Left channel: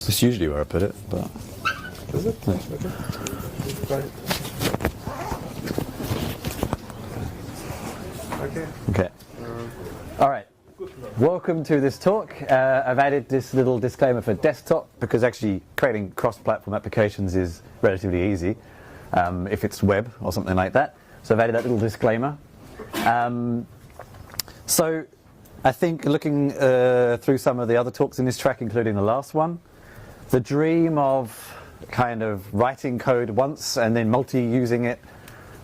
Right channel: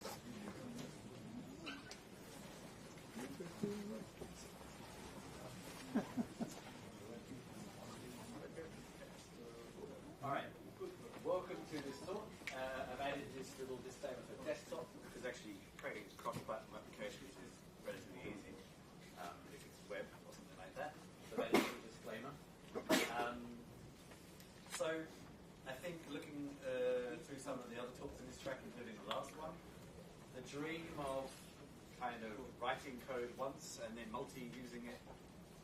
That's usually where I put it, but... Is it? Yeah. Okay. Okay. All right. Welcome to this talk. I've added this little disclaimer for desktop because actually creating cross-platform applications is relatively easy if it's web or something like that. So I've added that little disclaimer. So I think looking through some of the other talks in this track, including the last one, the dream of kind of writing code once and then multi-using it,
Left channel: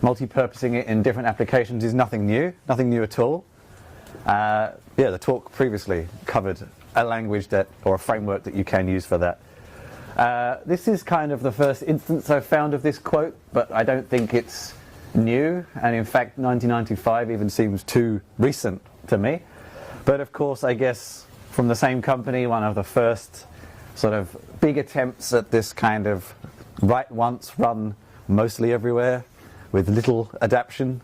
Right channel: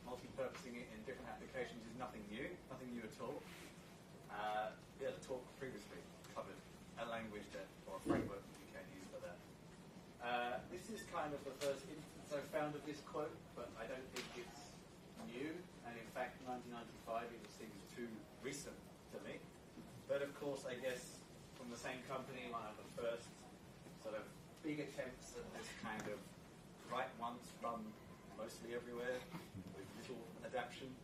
multi-purposing it in different applications is nothing new at all. Yeah, the talk previously covered a language that, or a framework that you can use for that. This is kind of the first instance I've found of this quote, but I don't think it's new, and in fact 1995 even seems too recent to me. But of course, I guess from the same company, one of the first sort of big attempts at this kind of write once, run mostly everywhere with little adaptation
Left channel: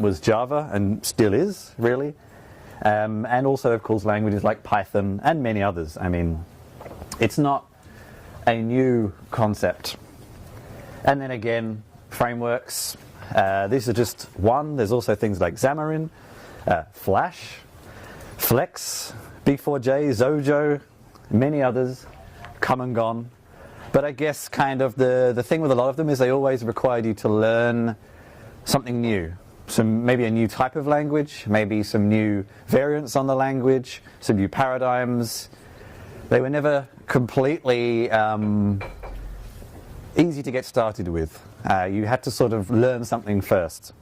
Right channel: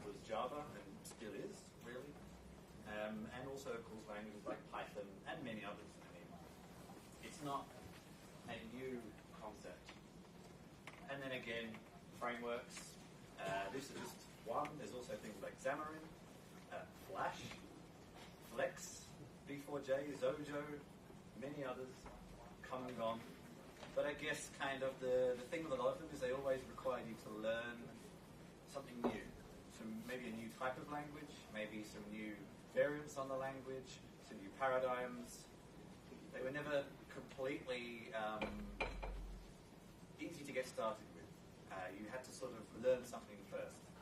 was Java, and still is, really. And also, of course, languages like Python and many others. I mean, it's not a new concept. And then again, frameworks. These are just one. There's also things like Xamarin, Flash, Flex, B4J, Zojo, many others, come and gone. But I guess kind of the thing with a lot of them is they always required you to learn something new. Maybe a new type of language, maybe some new variants on the language, some new paradigms. They were never completely easy to get started with. You had to sort of learn something first.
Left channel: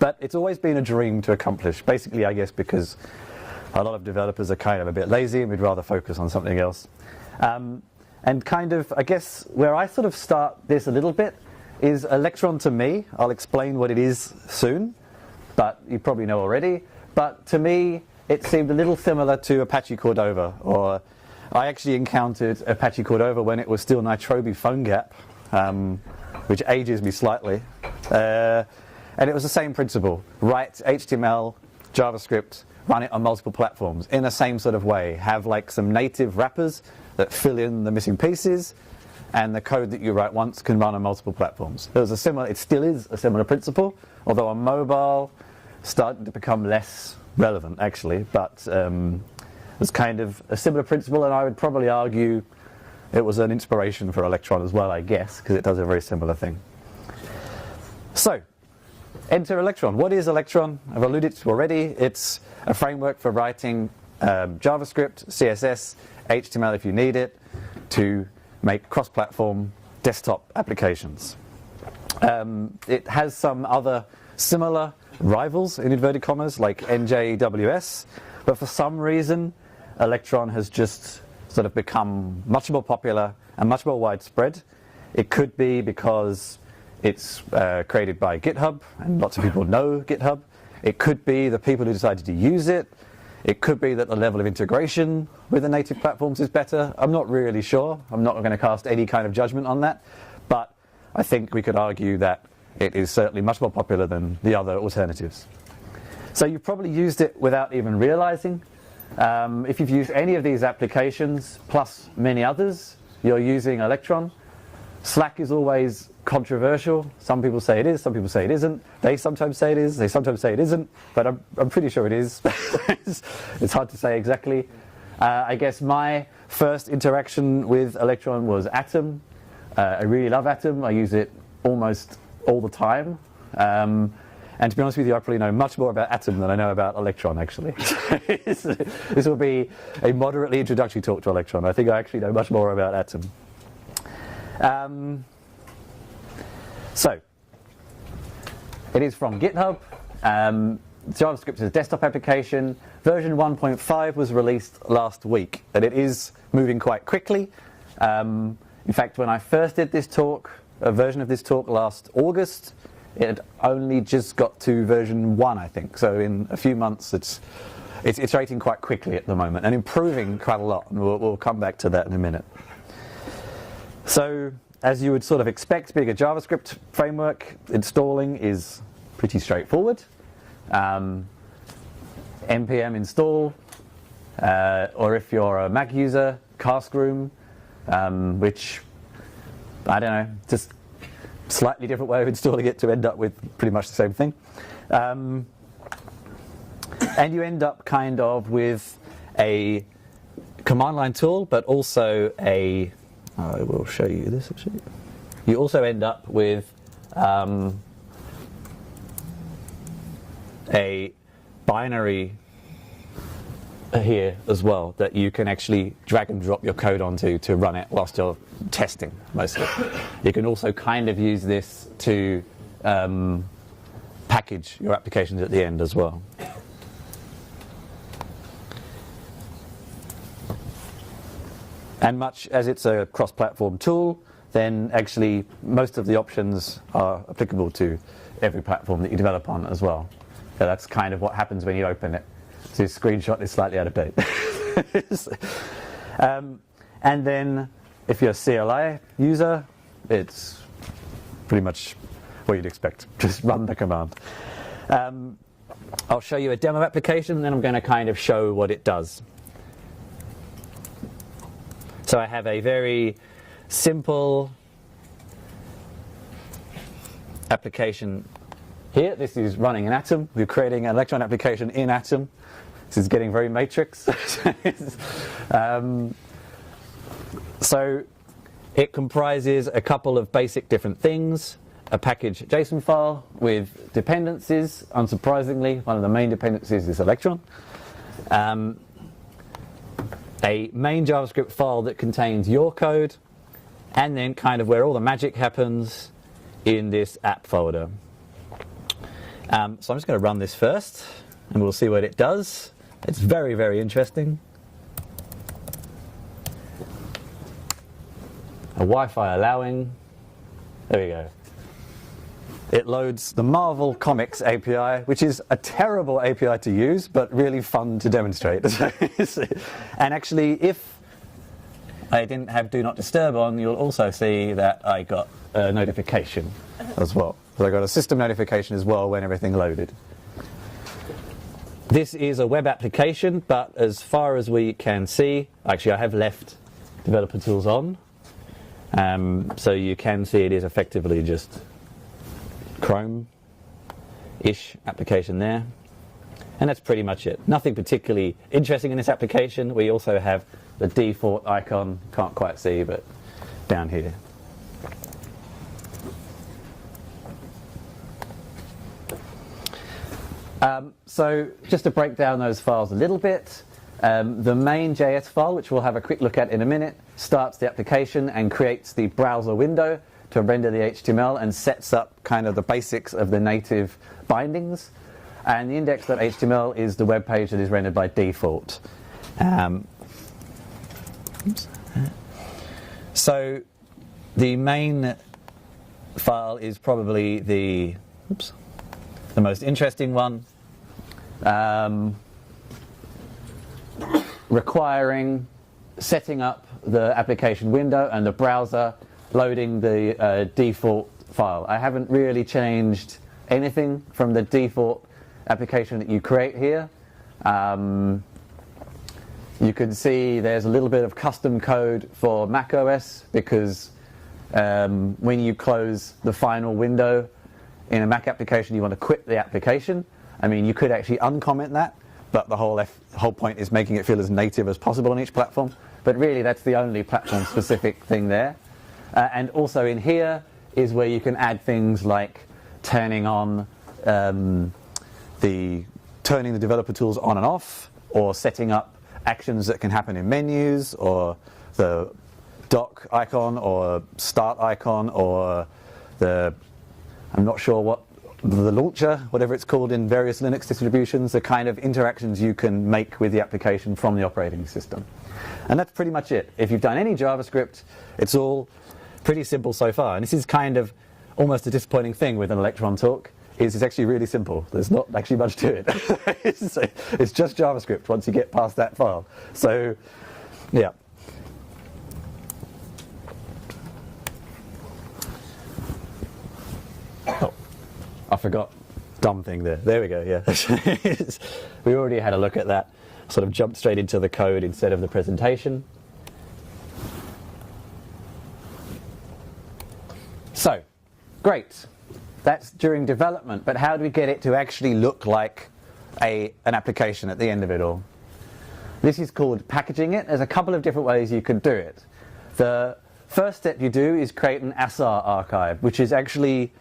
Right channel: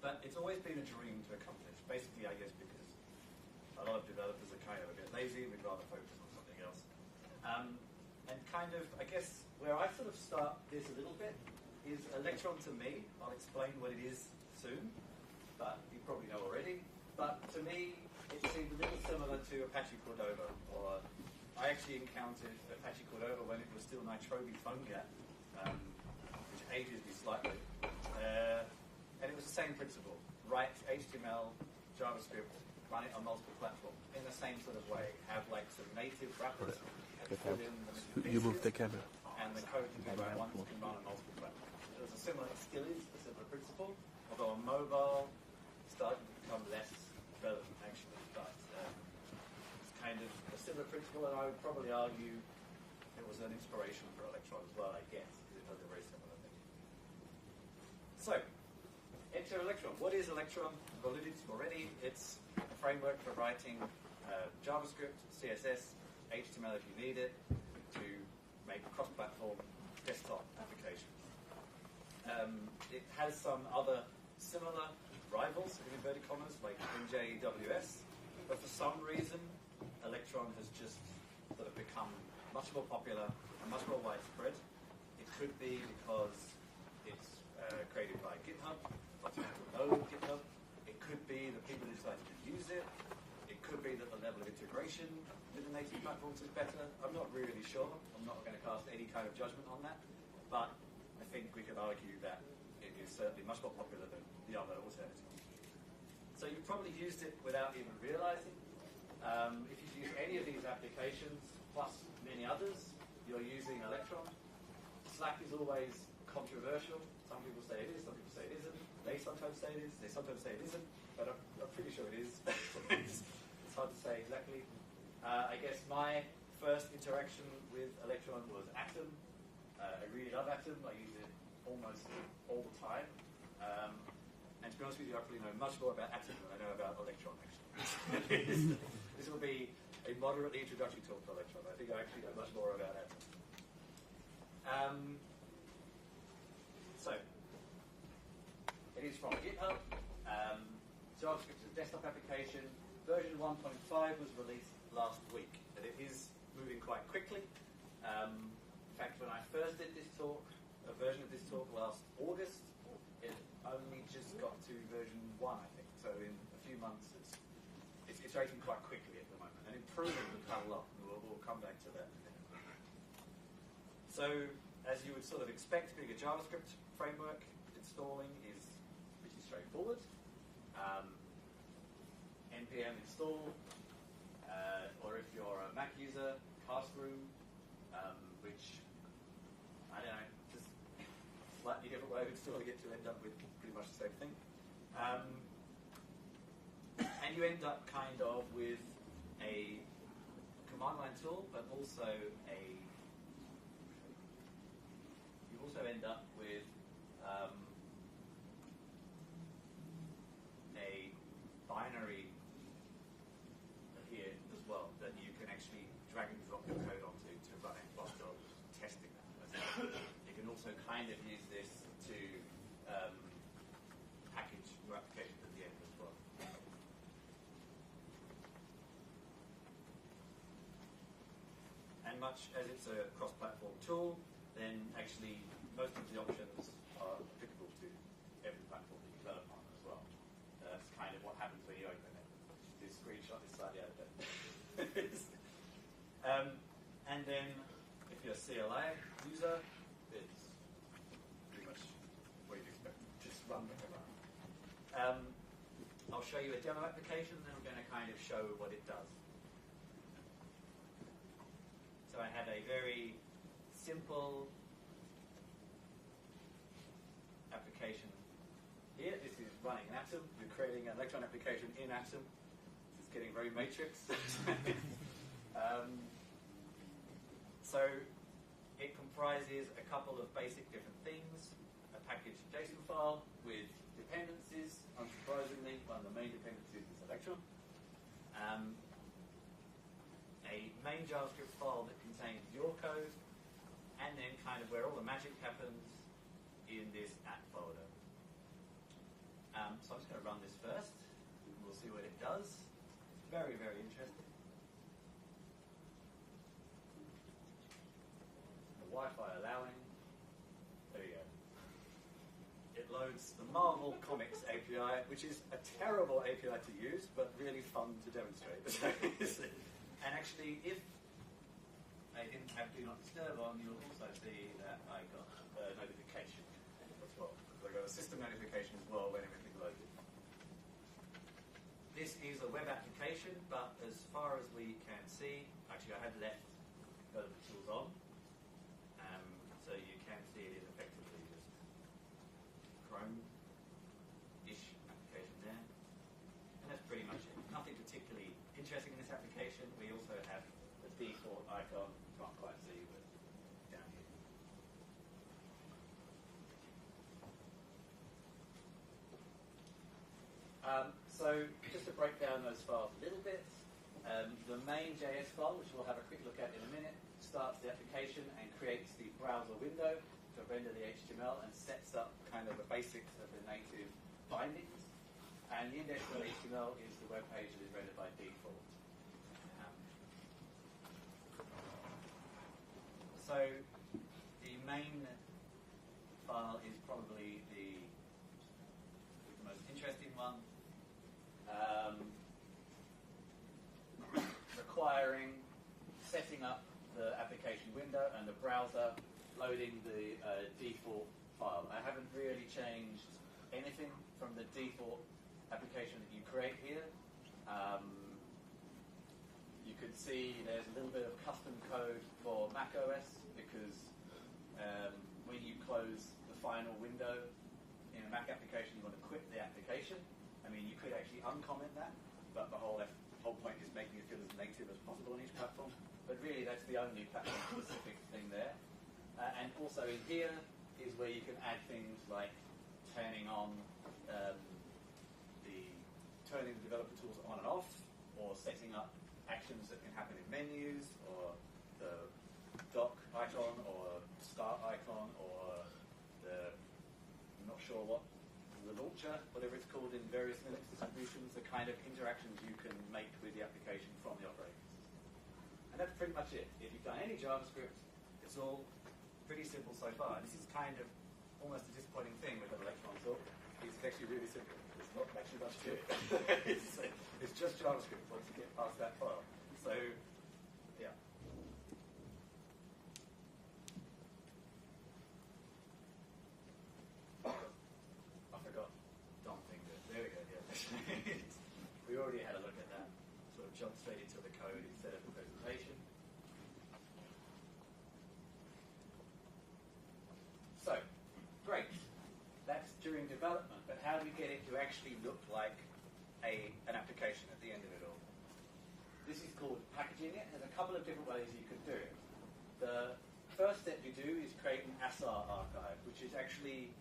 But it's always been a dream to accomplish, basically, I guess, because a lot of developers are kind of a bit lazy and we'd rather focus on something else. And kind of, I guess, where I sort of start this a little bit is Electron to me. I'll explain what it is soon, but you probably know already. But to me, it seemed a little similar to Apache Cordova, or I actually encountered Apache Cordova when it was still Nitrobi PhoneGap, which ages me slightly. And it was the same principle. Write HTML, JavaScript, run it on multiple platforms in the same sort of way. Have like some native wrappers that fill in the missing pieces, and the code that you write once can run on multiple platforms. It still is a similar principle, although on mobile, starting to become less relevant actually, but it's kind of a similar principle, and I would probably argue it was an inspiration for Electron as well, I guess, because it does a very similar thing. So, enter Electron. What is Electron? I've alluded to already. It's a framework for writing JavaScript, CSS, HTML if you need it, to make cross-platform desktop applications. It has some other similar rivals, in inverted commas, like NJWS, but for some reason, Electron has just sort of become much more popular and much more widespread. It could be because it's created by GitHub, and lots of people know GitHub. It could be the people who decided to use it. It could be that the level of integration with the native platforms is better. I'm not really sure. I'm not going to cast any kind of judgment on that. But I think we could argue that it is certainly much more popular than the other alternatives. So you've probably used it without even realizing. If you've used any of these applications, plus many others, you're using Electron. Slack is always controversial. Some people say it is, some people say it isn't. They sometimes say it is, they sometimes say it isn't, but I'm pretty sure it is. It's hard to say exactly. I guess my first interaction with Electron was Atom. I really love Atom. I use it almost all the time. And to be honest with you, I probably know much more about Atom than I know about Electron, actually. This will be a moderately introductory talk to Electron. I think I actually know much more about Atom. So, it is from GitHub. JavaScript is a desktop application. Version 1.5 was released last week, and it is moving quite quickly. In fact, when I first did this talk, a version of this talk last August, it had only just got to version 1, I think. So in a few months, it's iterating quite quickly at the moment and improving quite a lot. And we'll come back to that in a minute. So, as you would sort of expect, being a JavaScript framework, installing is pretty straightforward. npm install, or if you're a Mac user, cask room, which, I don't know, just slightly different way of installing it to end up with pretty much the same thing. And you end up kind of with a command line tool, but also I will show you this actually. You also end up with a binary here as well that you can actually drag and drop your code onto to run it whilst you're testing mostly. You can also kind of use this to package your applications at the end as well. And much as it's a cross-platform tool, then actually most of the options are applicable to every platform that you develop on as well. So that's kind of what happens when you open it. So this screenshot is slightly out of date. And then if you're a CLI user, it's pretty much what you'd expect. Just run the command. I'll show you a demo application, and then I'm going to kind of show what it does. So I have a very simple application here. This is running in Atom. We're creating an Electron application in Atom. This is getting very matrix. So it comprises a couple of basic different things. A package JSON file with dependencies. Unsurprisingly, one of the main dependencies is Electron. A main JavaScript file that contains your code, and then kind of where all the magic happens in this app folder. So I'm just going to run this first, and we'll see what it does. It's very, very interesting. A Wi-Fi allowing. There we go. It loads the Marvel Comics API, which is a terrible API to use, but really fun to demonstrate. And actually, if I didn't have Do Not Disturb on, you'll also see that I got a notification as well. So I got a system notification as well when everything loaded. This is a web application, but as far as we can see, actually I have left developer tools on. So you can see it is effectively just Chrome-ish application there. And that's pretty much it. Nothing particularly interesting in this application. We also have the default icon, can't quite see, but down here. So just to break down those files a little bit, the main JS file, which we'll have a quick look at in a minute, starts the application and creates the browser window to render the HTML and sets up kind of the basics of the native bindings. And the index.html is the web page that is rendered by default. So the main file is probably the most interesting one, requiring setting up the application window and the browser loading the default file. I haven't really changed anything from the default application that you create here. You can see there's a little bit of custom code for macOS because when you close the final window in a Mac application, you want to quit the application. I mean, you could actually uncomment that, but the whole point is making it feel as native as possible on each platform. But really, that's the only platform-specific thing there. And also in here is where you can add things like turning on turning the developer tools on and off, or setting up actions that can happen in menus, or the dock icon, or start icon, or I'm not sure what, the launcher, whatever it's called in various Linux distributions, the kind of interactions you can make with the application from the operating system. And that's pretty much it. If you've done any JavaScript, it's all pretty simple so far. And this is kind of almost a disappointing thing with an Electron talk, is it's actually really simple. There's not actually much to it. It's just JavaScript once you get past that file. So, yeah. Oh, I forgot. Dumb thing there. There we go, yeah. We already had a look at that. Sort of jumped straight into the code instead of the presentation. So, great. That's during development, but how do we get it to actually look like an application at the end of it all? This is called packaging it. There's a couple of different ways you could do it. The first step you do is create an ASAR archive, which is actually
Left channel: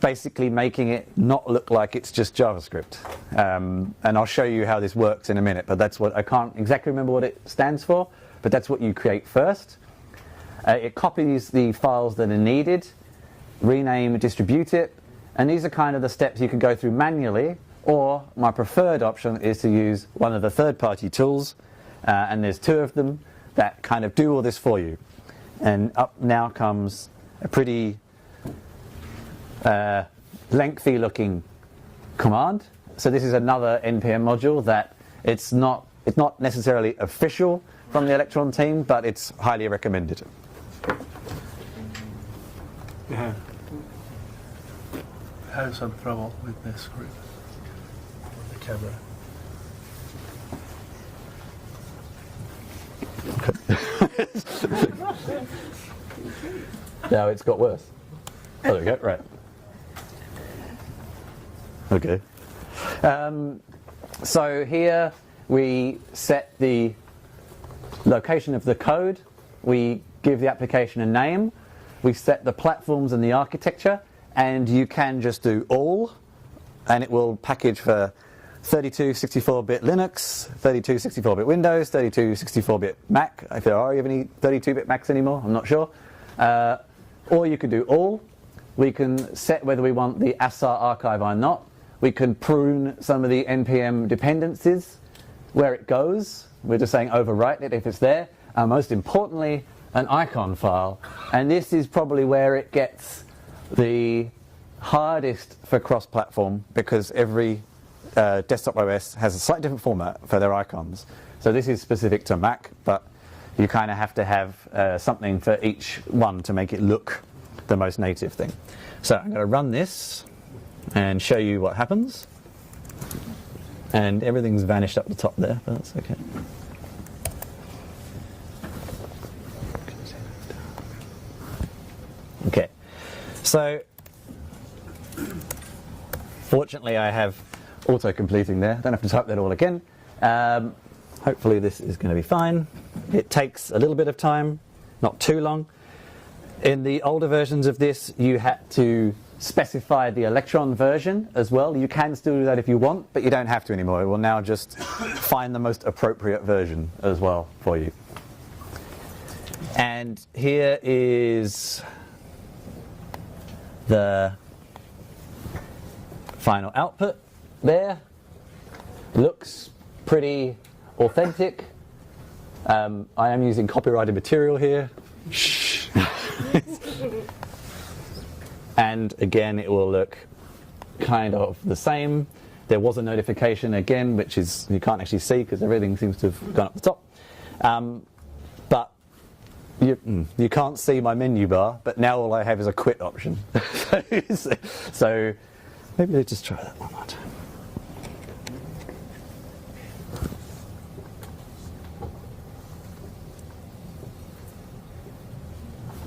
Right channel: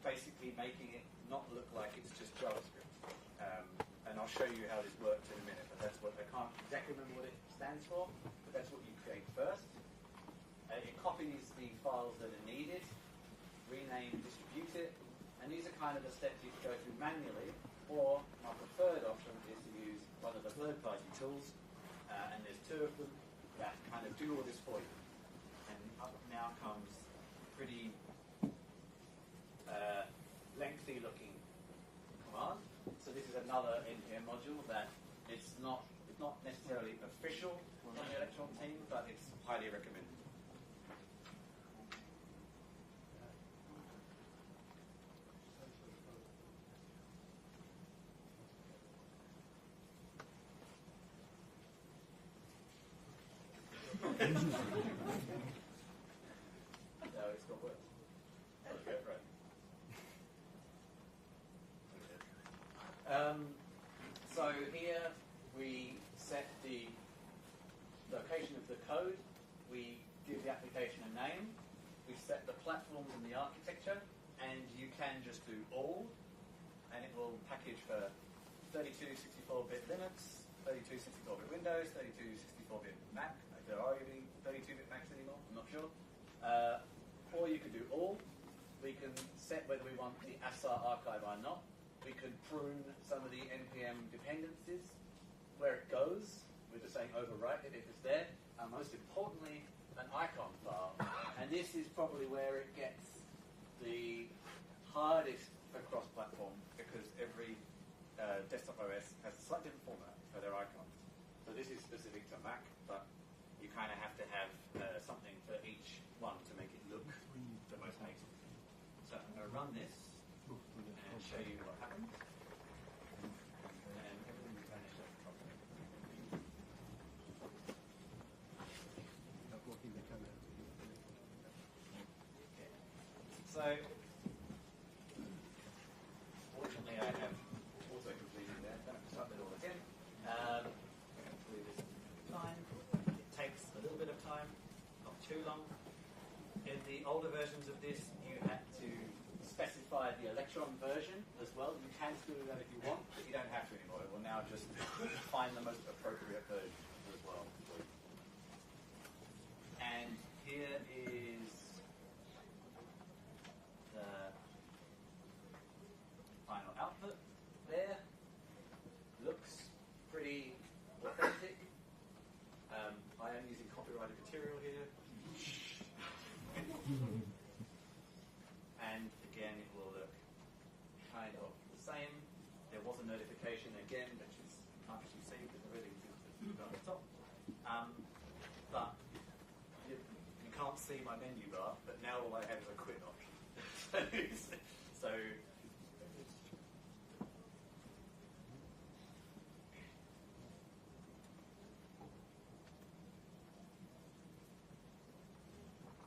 basically making it not look like it's just JavaScript. And I'll show you how this works in a minute, but that's what, I can't exactly remember what it stands for, but that's what you create first. It copies the files that are needed, rename, distribute it, and these are kind of the steps you can go through manually, or my preferred option is to use one of the third-party tools, and there's two of them that kind of do all this for you. And up now comes a pretty lengthy looking command. So this is another NPM module that it's not necessarily official from the Electron team, but it's highly recommended. Yeah. I have some trouble with this with the camera. Now it's got worse. Oh, there we go. Right. Okay. So here we set the location of the code. We give the application a name. We set the platforms and the architecture. And you can just do all, and it will package for 32 64-bit Linux, 32 64-bit Windows, 32 64-bit Mac, if there are even any 32-bit Macs anymore, I'm not sure. Or you could do all. We can set whether we want the ASAR archive or not. We can prune some of the NPM dependencies, where it goes. We're just saying overwrite it if it's there. Most importantly, an icon file. And this is probably where it gets the hardest for cross-platform, because every desktop OS has a slightly different format for their icons. So this is specific to Mac, but you kind of have to have something for each one to make it look the most native thing. So I'm going to run this and show you what happens. And everything's vanished up the top there, but that's okay. Okay. So, fortunately I have auto-completing there. Don't have to type that all again. Hopefully this is going to be fine. It takes a little bit of time, not too long. In the older versions of this, you had to specify the Electron version as well. You can still do that if you want, but you don't have to anymore. It will now just find the most appropriate version as well for you. And here is the final output there. Looks pretty authentic. I am using copyrighted material here. Shh. And again, it will look kind of the same. There was a notification again, which is you can't actually see because everything seems to have gone up the top. But you can't see my menu bar, but now all I have is a quit option. So maybe let's just try that one more time.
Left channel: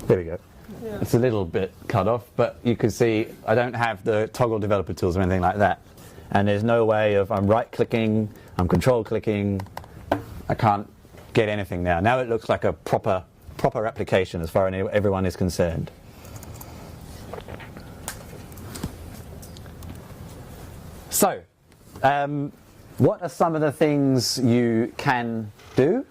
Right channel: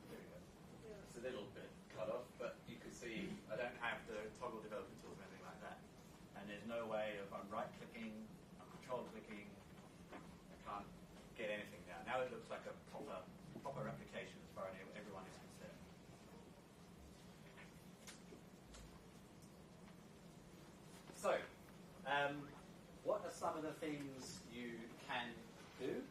There we go. Yeah. It's a little bit cut off, but you can see I don't have the toggle developer tools or anything like that. And there's no way of I'm right-clicking, I'm control-clicking. I can't get anything now. Now it looks like a proper application as far as everyone is concerned. So, what are some of the things you can do?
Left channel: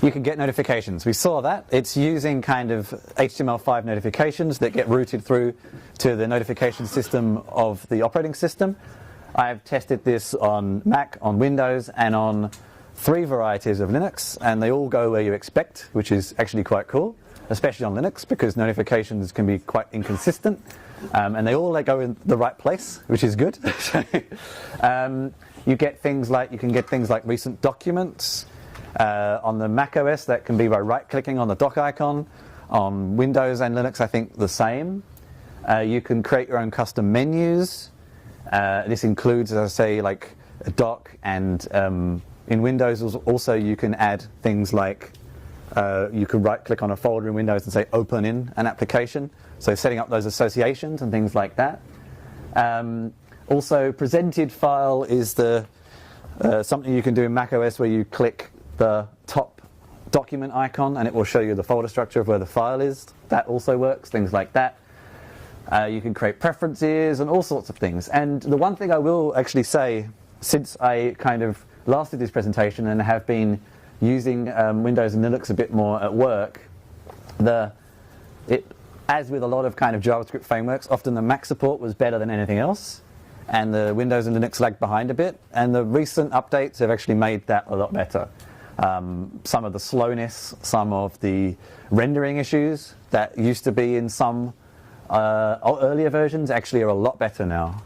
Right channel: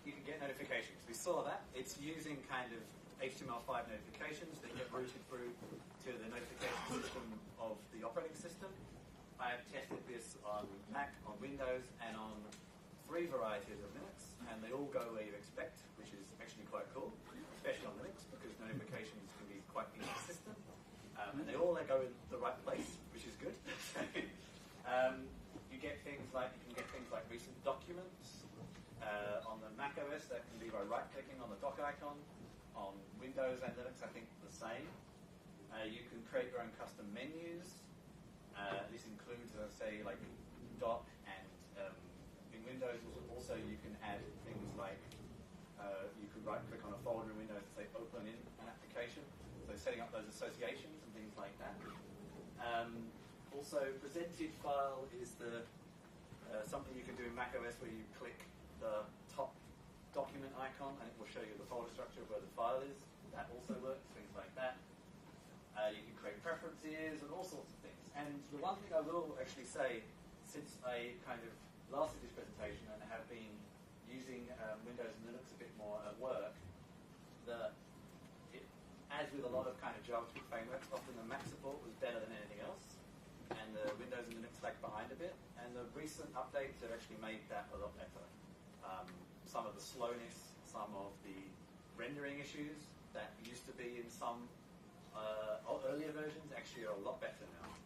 You can get notifications. We saw that. It's using kind of HTML5 notifications that get routed through to the notification system of the operating system. I've tested this on Mac, on Windows, and on 3 varieties of Linux, and they all go where you expect, which is actually quite cool, especially on Linux, because notifications can be quite inconsistent, and they all go in the right place, which is good. You get things like recent documents. On the Mac OS, that can be by right-clicking on the dock icon. On Windows and Linux, I think the same. You can create your own custom menus. This includes, as I say, like a dock, and in Windows also you can add things like You could right-click on a folder in Windows and say open in an application. So setting up those associations and things like that. Also, presented file is something you can do in macOS where you click the top document icon and it will show you the folder structure of where the file is. That also works, things like that. You can create preferences and all sorts of things. And the one thing I will actually say, since I kind of last did this presentation and have been using Windows and Linux a bit more at work, as with a lot of kind of JavaScript frameworks, often the Mac support was better than anything else, and the Windows and Linux lagged behind a bit, and the recent updates have actually made that a lot better. Some of the slowness, some of the rendering issues that used to be in some earlier versions actually are a lot better now.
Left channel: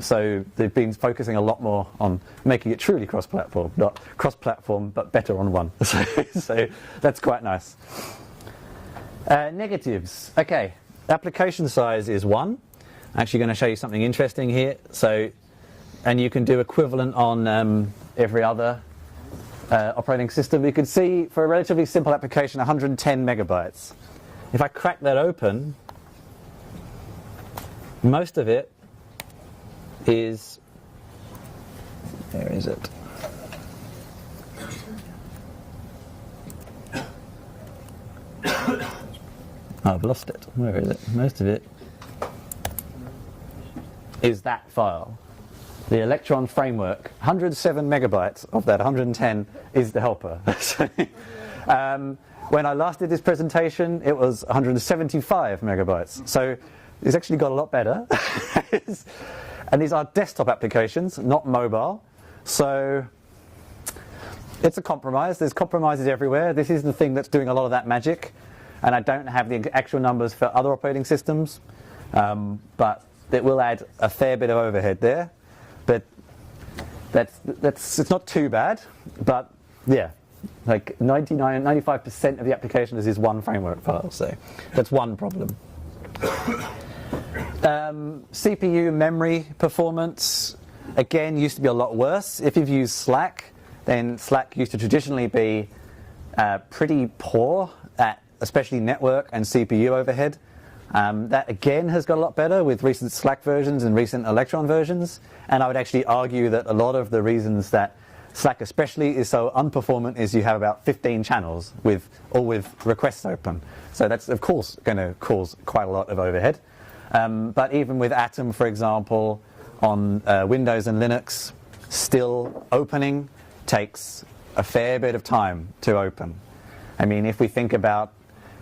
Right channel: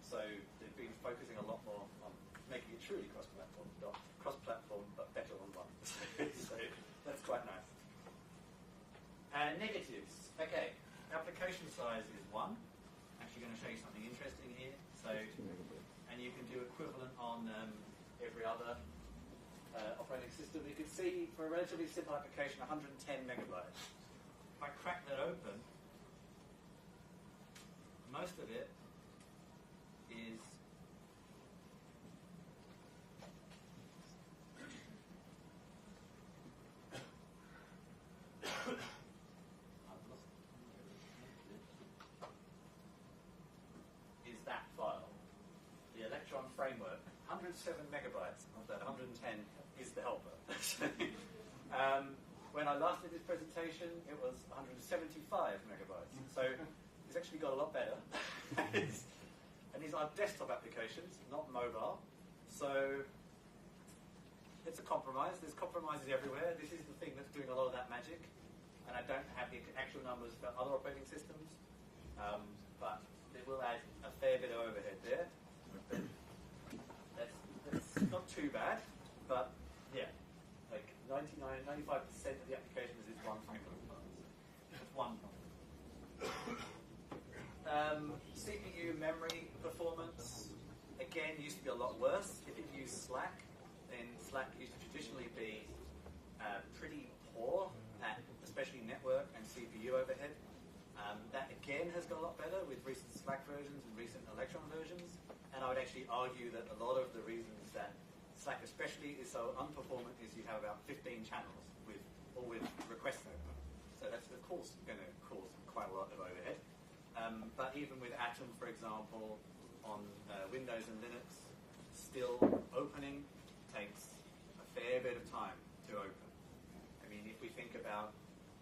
So they've been focusing a lot more on making it truly cross-platform, not cross-platform, but better on one. So that's quite nice. Negatives. Okay, application size is 1. I'm actually going to show you something interesting here. So, and you can do equivalent on every other operating system. You can see for a relatively simple application, 110 megabytes. If I crack that open, most of it is, where is it? I've lost it. Where is it? Most of it is that file. The Electron framework, 107 megabytes of that 110 is the helper. So, when I last did this presentation, it was 175 megabytes. So it's actually got a lot better. And these are desktop applications, not mobile. So it's a compromise. There's compromises everywhere. This is the thing that's doing a lot of that magic. And I don't have the actual numbers for other operating systems, but it will add a fair bit of overhead there. But it's not too bad. But yeah, like 95% of the application is this one framework file. So that's one problem. CPU memory performance, again, used to be a lot worse. If you've used Slack, then Slack used to traditionally be pretty poor at especially network and CPU overhead. That again has got a lot better with recent Slack versions and recent Electron versions. And I would actually argue that a lot of the reasons that Slack especially is so unperformant is you have about 15 channels all with requests open. So that's of course going to cause quite a lot of overhead. But even with Atom, for example, on Windows and Linux, still opening takes a fair bit of time to open. I mean, if we think about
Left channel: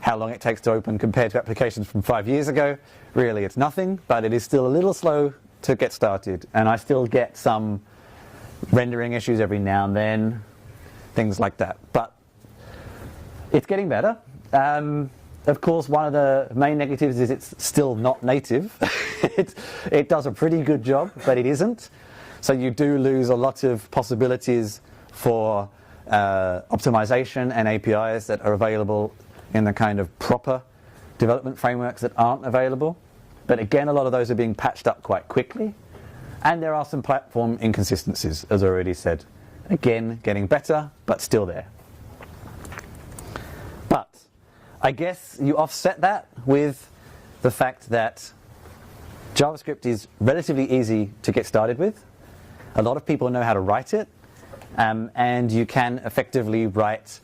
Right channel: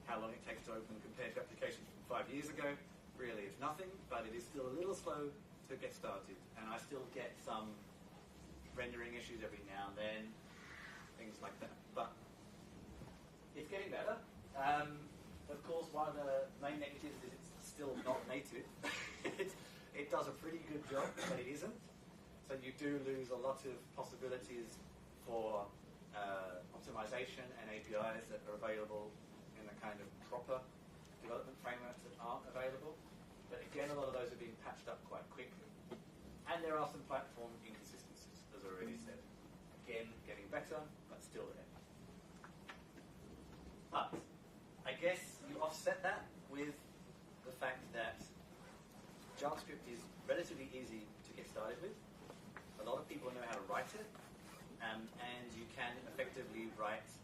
how long it takes to open compared to applications from 5 years ago, really it's nothing, but it is still a little slow to get started. And I still get some rendering issues every now and then, things like that. But it's getting better. Of course, one of the main negatives is it's still not native. It does a pretty good job, but it isn't. So you do lose a lot of possibilities for optimization and APIs that are available in the kind of proper development frameworks that aren't available. But again, a lot of those are being patched up quite quickly. And there are some platform inconsistencies, as I already said. Again, getting better, but still there. But I guess you offset that with the fact that JavaScript is relatively easy to get started with. A lot of people know how to write it. And you can effectively write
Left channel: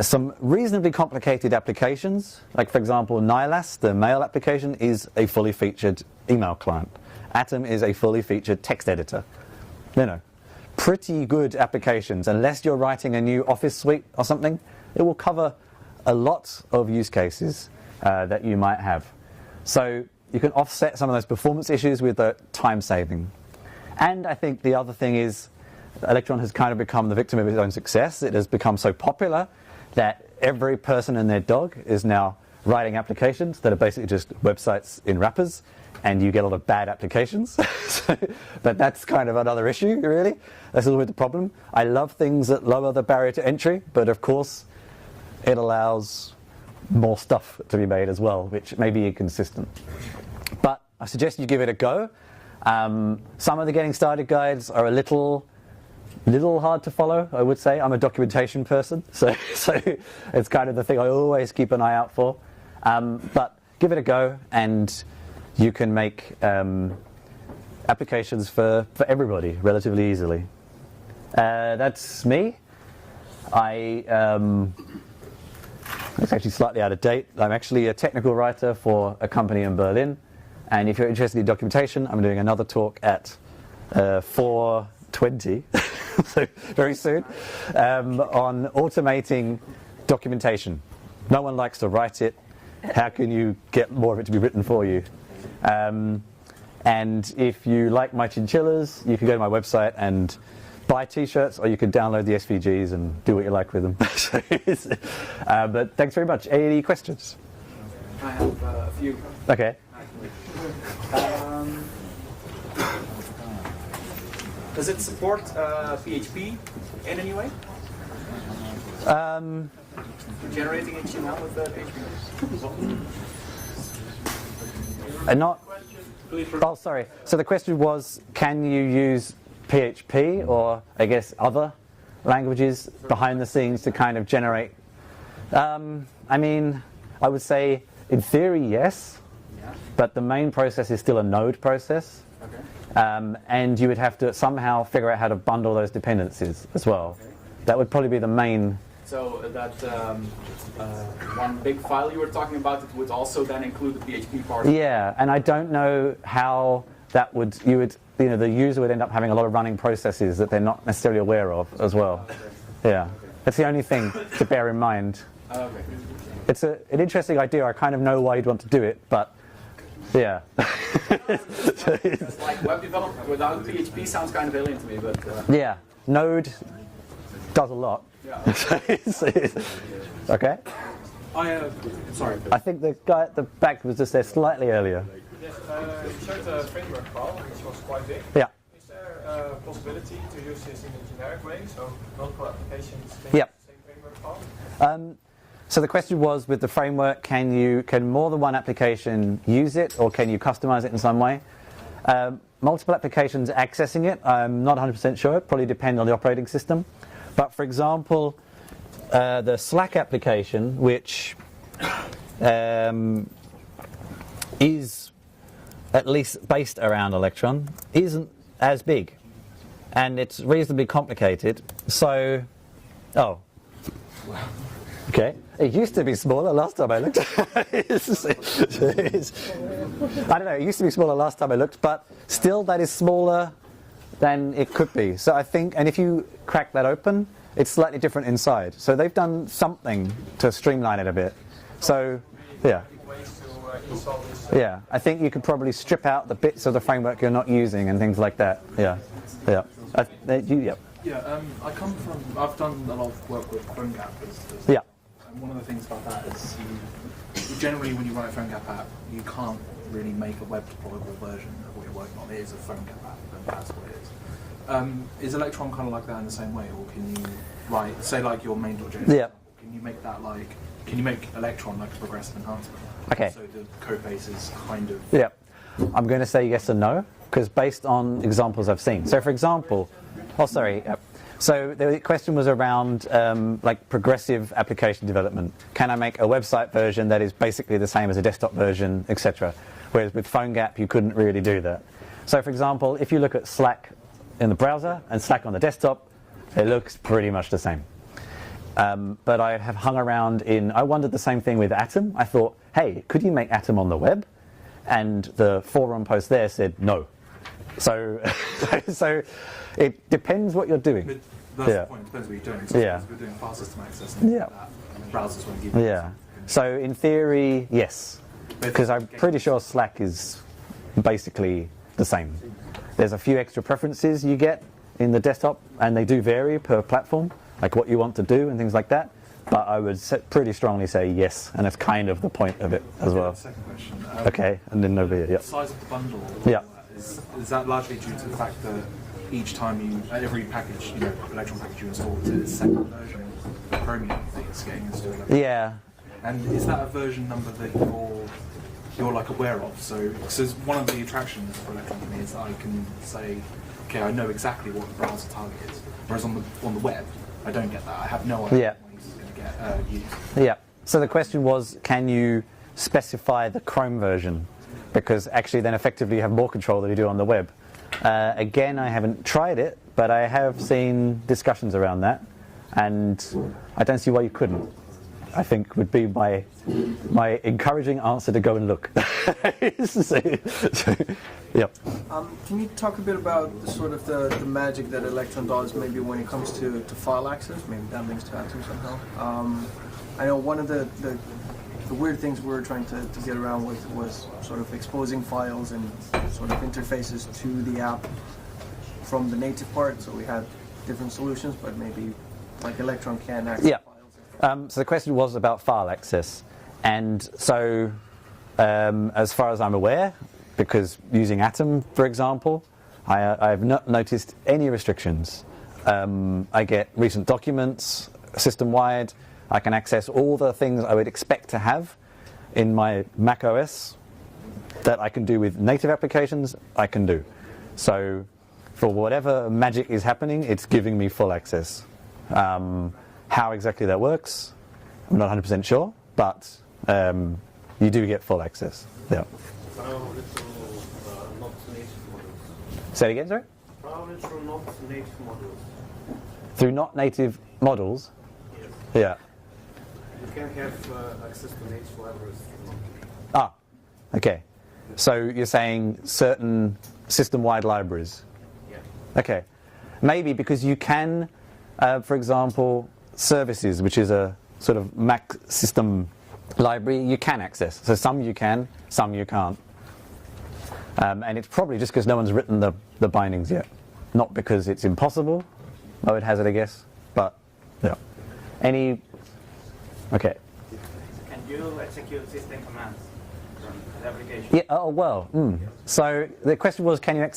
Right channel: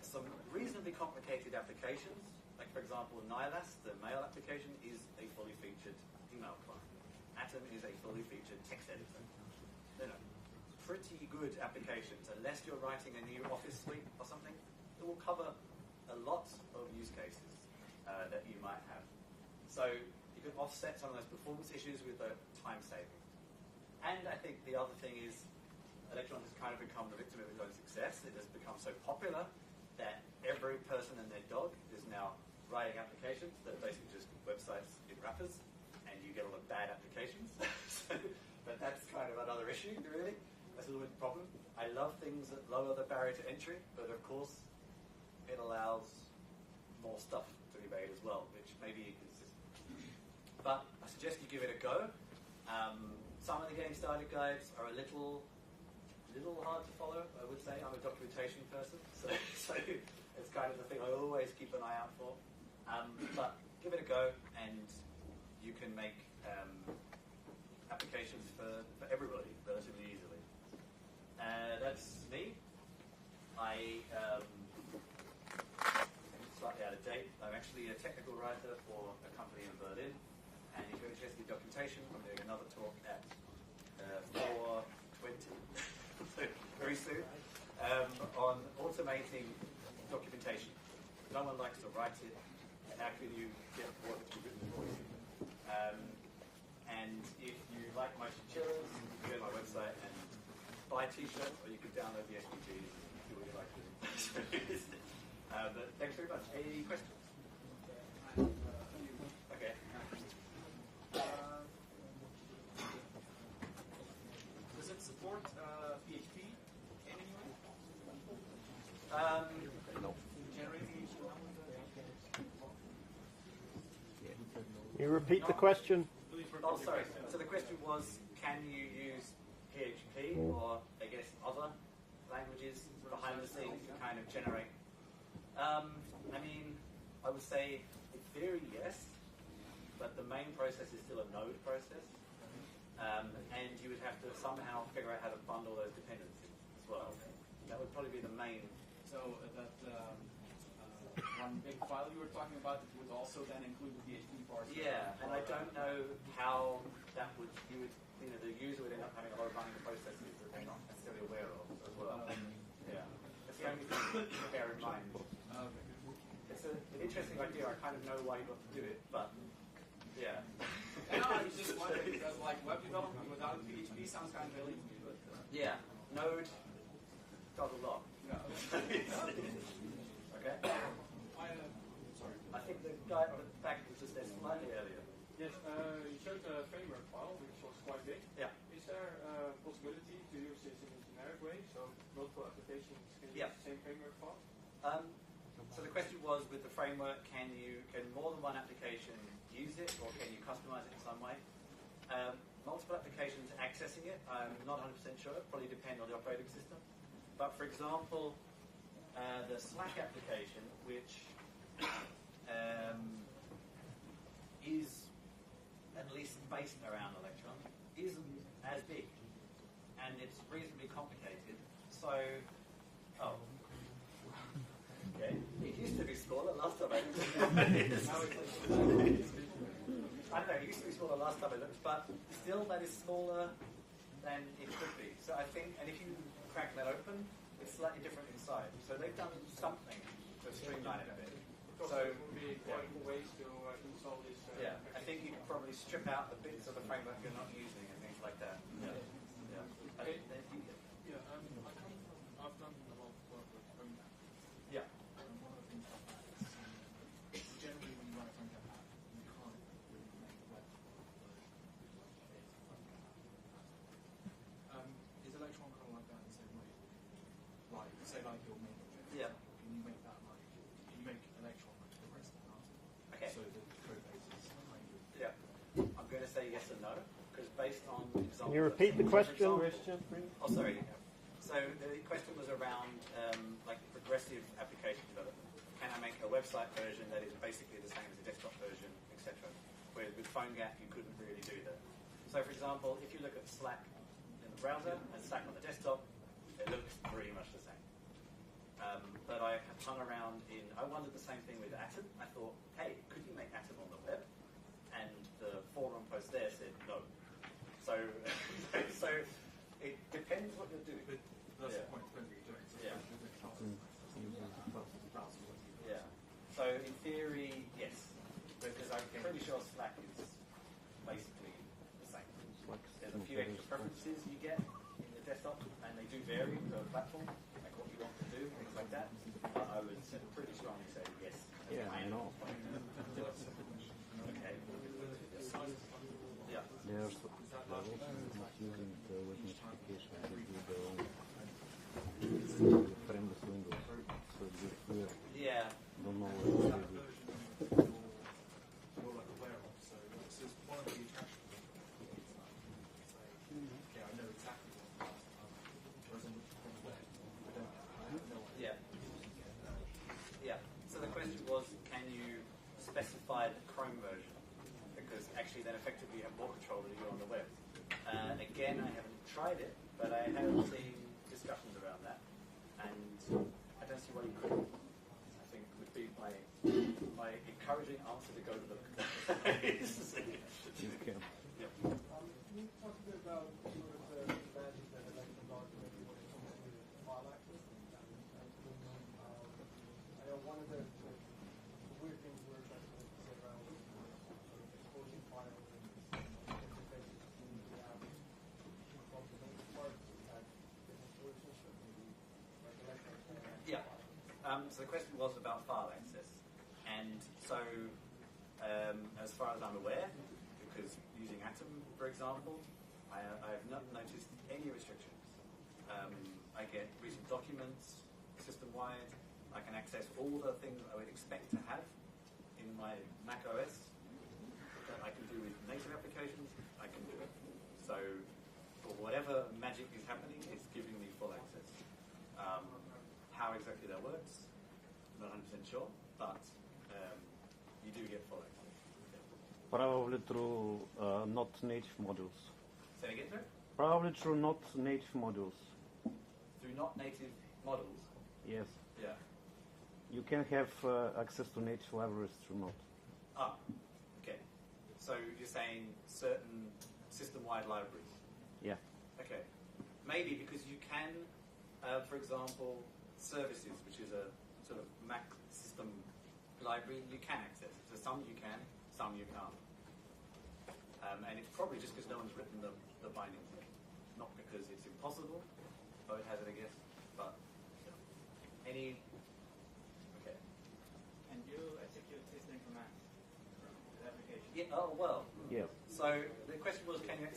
some reasonably complicated applications. Like, for example, Nilas, the mail application, is a fully featured email client. Atom is a fully featured text editor. Pretty good applications. Unless you're writing a new Office suite or something, it will cover a lot of use cases that you might have. So you can offset some of those performance issues with the time saving. And I think the other thing is Electron has kind of become the victim of its own success. It has become so popular that every person and their dog is now writing applications that are basically just websites in wrappers, and you get a lot of bad applications. But that's kind of another issue, really. That's a little bit the problem. I love things that lower the barrier to entry, but of course it allows more stuff to be made as well, which may be inconsistent. But I suggest you give it a go. Some of the getting started guides are a little little hard to follow, I would say. I'm a documentation person, so it's kind of the thing I always keep an eye out for. But give it a go, and you can make applications for everybody relatively easily. That's me. It's actually slightly out of date. I'm actually a technical writer for a company in Berlin, and if you're interested in documentation, I'm doing another talk at 4:20, so very soon, on automating documentation. No one likes to write it. How can you get more of it to be written for you? And if you like my chinchillas, you can go to my website and buy t-shirts, or you can download the SVGs and do what you like with them. But thanks very much. Any questions? I have a few. Okay. Does it support PHP in any way? Generating HTML with PHP? Not. Question, please. Oh, sorry. So the question was, can you use PHP or, I guess, other languages behind the scenes to kind of generate? I mean, I would say, in theory, yes. Yeah. But the main process is still a node process. Okay. And you would have to somehow figure out how to bundle those dependencies as well. Okay. That would probably be the main. So that one big file you were talking about, it would also then include the PHP part? Yeah, and I don't know how that would, the user would end up having a lot of running processes that they're not necessarily aware of as well. Yeah, that's the only thing to bear in mind. Okay. It's an interesting idea. I kind of know why you'd want to do it, but yeah. Like web development without PHP sounds kind of alien to me, but... Yeah, Node does a lot. Yeah. Okay. Sorry. I think the guy at the back was just there slightly earlier. Yes, you showed a framework file, which was quite big. Yeah. Is there a possibility to use this in a generic way, so multiple applications can Yeah. use the same framework file? So the question was, with the framework, can more than one application use it, or can you customize it in some way? Multiple applications accessing it, I'm not 100% sure. It probably depends on the operating system. But for example, the Slack application, which is at least based around Electron, isn't as big, and it's reasonably complicated. So, okay. It used to be smaller last time I looked. I don't know, it used to be smaller last time I looked, but still that is smaller than it could be. So I think, and if you crack that open, it's slightly different inside. So they've done something to streamline it a bit. So, yeah. Ways to install this. Yeah, I think you could probably strip out the bits of the framework you're not using and things like that. Yeah, yeah. Yeah. Yeah, I've done a lot of work with PhoneGap. Yeah. And one of the things about that is you generally, when you write a PhoneGap app, you can't really make a web deployable version of what you're working on. It is a PhoneGap app, and that's what it is. Is Electron kind of like that in the same way, or can you write, say, like your main.js? Yeah. Can you make that can you make Electron like a progressive enhancement? Okay. So the code base is kind of. Yeah. I'm going to say yes and no, because based on examples I've seen. So for example, so the question was around like progressive application development. Can I make a website version that is basically the same as a desktop version, etc.? Whereas with PhoneGap, you couldn't really do that. So for example, if you look at Slack in the browser and Slack on the desktop, it looks pretty much the same. But I have hung around I wondered the same thing with Atom. I thought, hey, could you make Atom on the web? And the forum post there said no. So, so it depends what you're doing. But that's Yeah. the point, it depends what you're doing. So Yeah. if you're doing file system access, things Yeah. like that, browsers won't give you Yeah. So in theory, yes. Because I'm pretty sure Slack is basically the same. There's a few extra preferences you get in the desktop, and they do vary per platform, like what you want to do and things like that. But I would pretty strongly say yes, and that's kind of the point of it as well. Second question. Okay, and then over here, The yeah. size of the bundle. Yeah. Is that largely due to the fact that each time every package, Electron package you install, it's a separate version of Chromium that it's getting installed? Yeah. And is that a version number that you're like aware of? So one of the attractions for Electron to me is that I can say, okay, I know exactly what the browser target is. Whereas on the web, I don't get that. I have no idea Yeah. when this is going to get used. Yeah. So the question was, can you specify the Chrome version? Because actually then effectively you have more control than you do on the web. Again, I haven't tried it, but I have seen discussions around that, and I don't see why you couldn't. I think would be my encouraging answer to go and look. Yep. Can you talk a bit about the sort of the magic that Electron does, maybe when it comes to file access? Maybe that links to Atom somehow. I know one of the weird things we were trying to get around with was sort of exposing files and sort of interfaces to the app from the native part. So we had different solutions, but maybe like Electron can access Yeah. So the question was about file access, and so as far as I'm aware, because using Atom, for example, I have not noticed any restrictions. I get recent documents system-wide. I can access all the things I would expect to have in my Mac OS that I can do with native applications, I can do. So for whatever magic is happening, it's giving me full access. How exactly that works, I'm not 100% sure, but you do get full access. Yeah. Probably through not native models. Say it again, sorry? Probably through not native models. Through not native models? Yes. Yeah. You can have access to native libraries. Ah, okay. So you're saying certain system-wide libraries? Yeah. Okay. Maybe because you can, for example, services, which is a sort of Mac system library, you can access. So some you can, some you can't. And it's probably just because no one's written the bindings yet. Not because it's impossible, I would hazard a guess. But, yeah. Any... Okay. Can you execute system commands from the application? Yeah, oh, well. So the question was, can you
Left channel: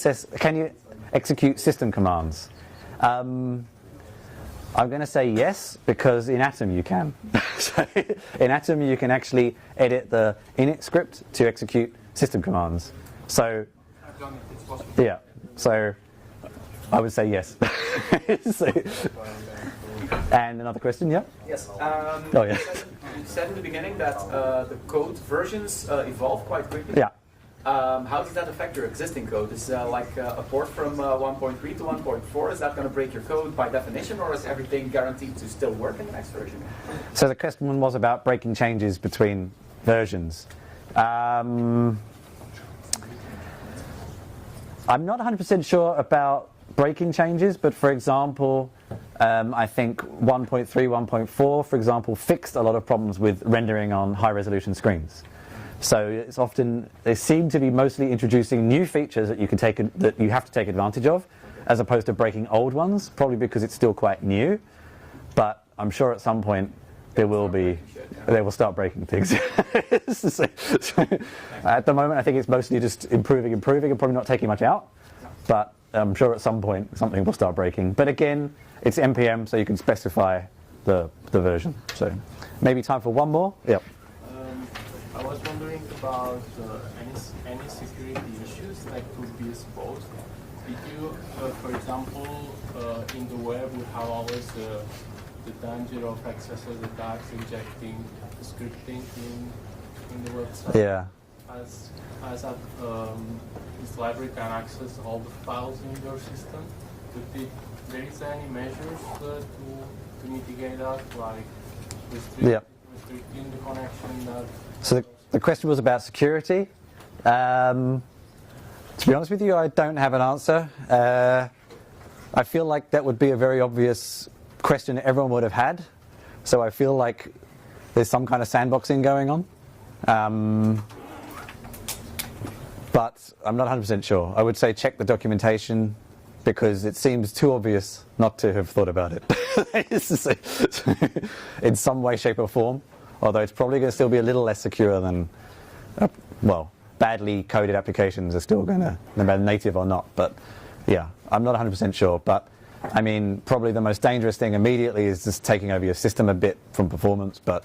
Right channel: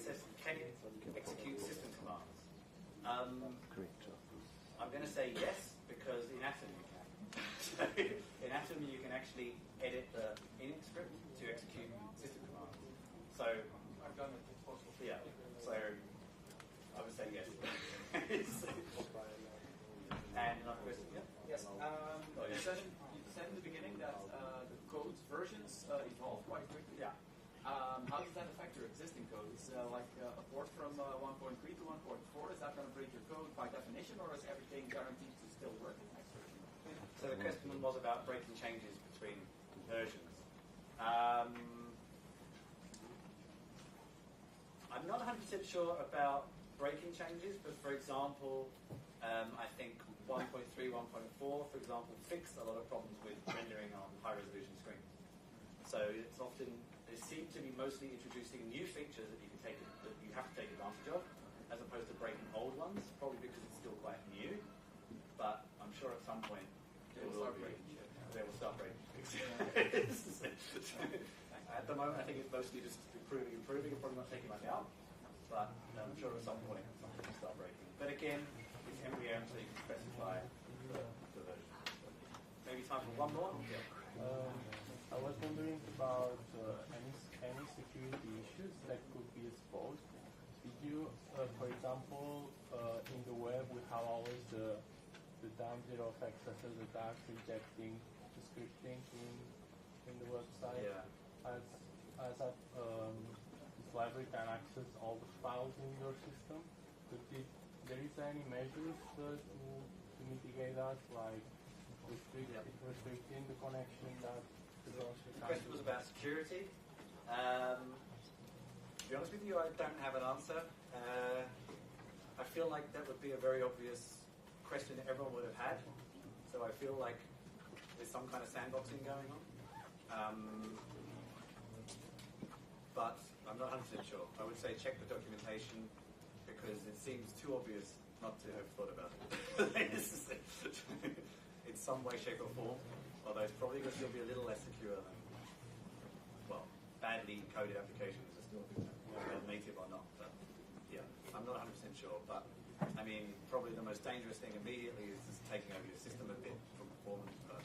execute system commands? I'm going to say yes, because in Atom you can. So in Atom you can actually edit the init script to execute system commands. So, I've done it, it's possible. yeah, so I would say yes. So, and another question, yeah? Yes. Oh, yeah. You said in the beginning that the code versions evolve quite quickly. Yeah. How does that affect your existing code? Is like a port from 1.3 to 1.4, is that going to break your code by definition, or is everything guaranteed to still work in the next version? So the question was about breaking changes between versions. I'm not 100% sure about breaking changes, but for example, I think 1.3, 1.4, for example, fixed a lot of problems with rendering on high-resolution screens. So it's often, they seem to be mostly introducing new features that you can that you have to take advantage of, as opposed to breaking old ones, probably because it's still quite new. But I'm sure at some point they will start breaking things. So, at the moment, I think it's mostly just improving, and probably not taking much out. But I'm sure at some point something will start breaking. But again, it's NPM, so you can specify the version. So maybe time for one more. Yep. I was wondering about any security issues that could be exposed. Did you, for example, in the web, we have always the danger of XSS attacks injecting scripting in the website? Yeah. As this library can access all the files in your system, but there is any measures to mitigate that, like restricting the connection that... So the question was about security. To be honest with you, I don't have an answer. I feel like that would be a very obvious question everyone would have had. So I feel like there's some kind of sandboxing going on. But I'm not 100% sure. I would say check the documentation, because it seems too obvious not to have thought about it in some way, shape or form. Although it's probably going to still be a little less secure than, badly coded applications are still going to, no matter native or not. But yeah, I'm not 100% sure. But I mean, probably the most dangerous thing immediately is just taking over your system a bit from performance. But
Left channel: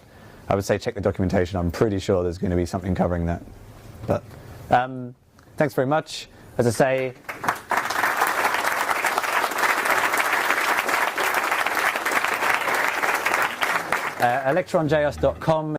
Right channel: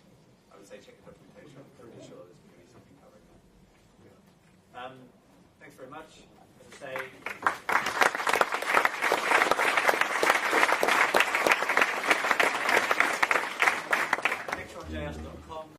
I would say check the documentation. I'm pretty sure there's going to be something covering that. But thanks very much. As I say, electronjs.com.